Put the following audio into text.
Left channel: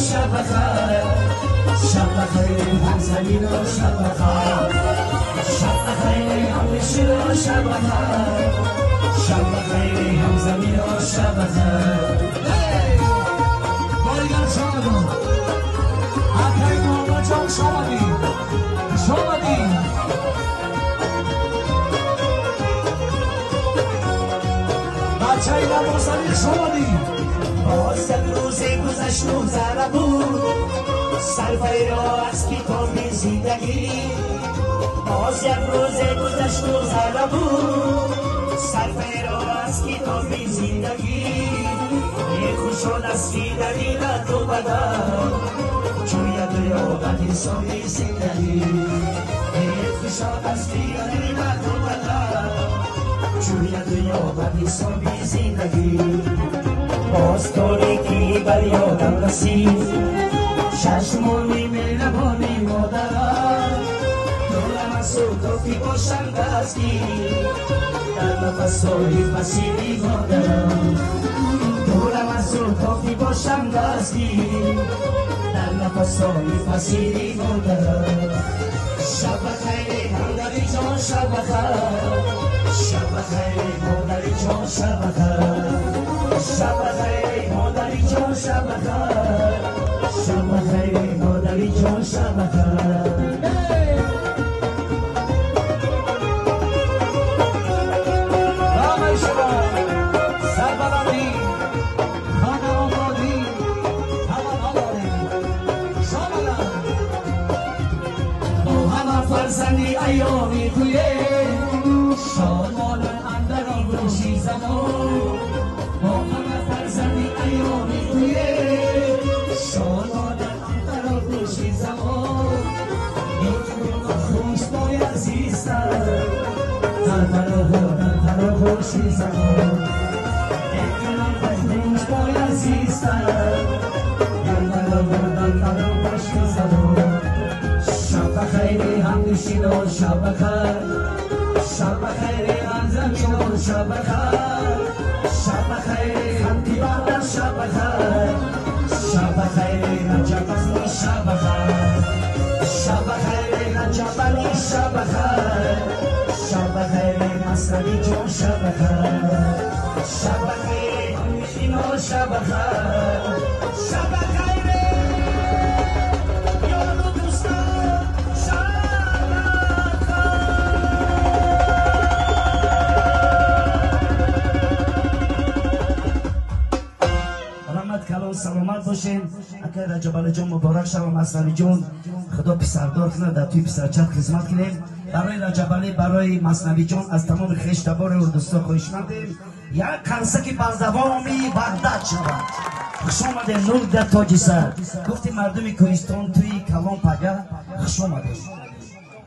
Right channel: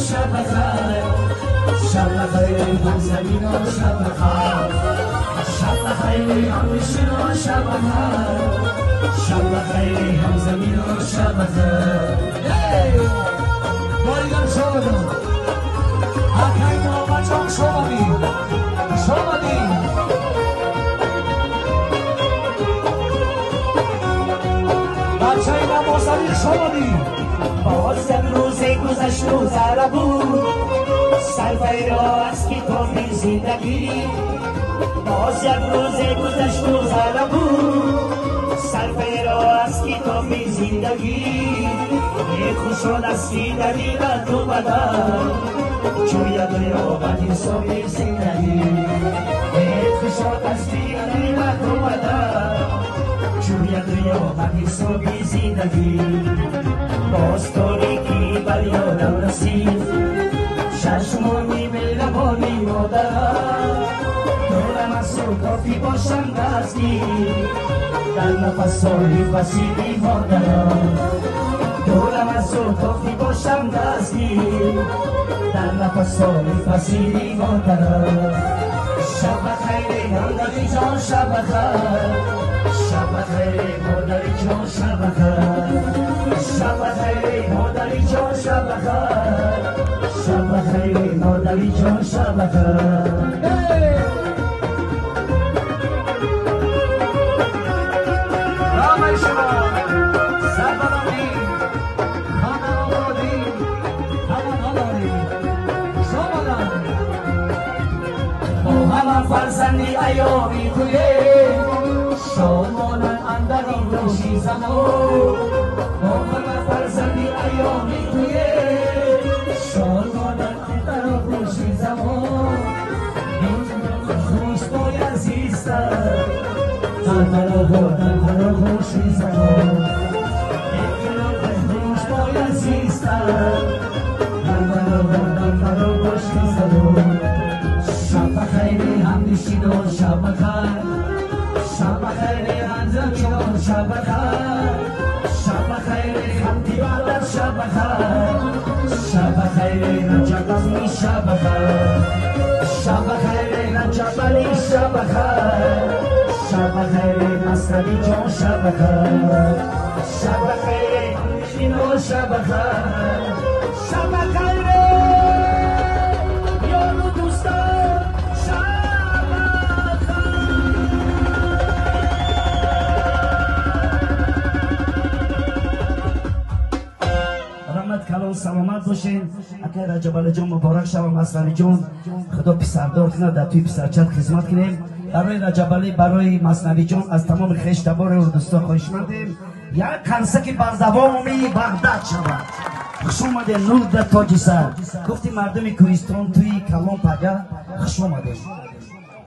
شب بخیر شب بخیر همزمین و شب بخیر شب بخیر همنشین و شب بخیر شب بخیر همزمین و شب بخیر بایگان شما آفرین و بچان شما بید بچای نمازمی شما بید باز یک روز گذشت و زره بود سرفه را از کتاب زندگی باز یک روز گذشت و زره بود سرفه را از کتاب زندگی خوش و دستی دریدت اومدن چوی دریا بدی سوی زندگی خوش و دستی دریدت اومدن چوی دریا بدی سوی زندگی باز تاریکی بر یادم رسید چشمانی مهربانی مادرم دلم از صحبتی باشم دستی در نفس‌های وسیعی مادرم دلم از صحبتی باشم دستی در نفس‌های وسیعی مادرم شب بخیر مادری جان شب بخیر شب بخیر مادری جان شب بخیر شب بخیر مادری جان شب بخیر شب بخیر مادری جان شب بخیر فرزندی ایامی تویه شامانن اندرین روشی زمان با همه فرزندی ایامی تویه شامانن اندرین روشی زمان خوش بای عزیزتر در پرا روشی زمان خوش بای عزیزتر در پرا روشی زمان شب بخیر همنشین و شب بخیر شب بخیر انزم شب بخیر شب بخیر همدیبر شب بخیر شب بخیر نجابلی شب بخیر شب بخیر نجابلی شب بخیر شب بخیر مصطفی جان شب بخیر شب بخیر همنشین و شب بخیر شب بخیر سلامت باشین اگر رجب جان مبارک شما مصطفی جان خدا پسردار کنه در توی پسرچت خدمت کنیم برای رجب برای مصطفی جان از تمام خویش تبار و دوستا خواهشمندیم یک کنسکی بازدوامی بغداد شود خوش اومده نور در تاجی سر گفتی مردم کوهستان توی کلام پگه خوش اومده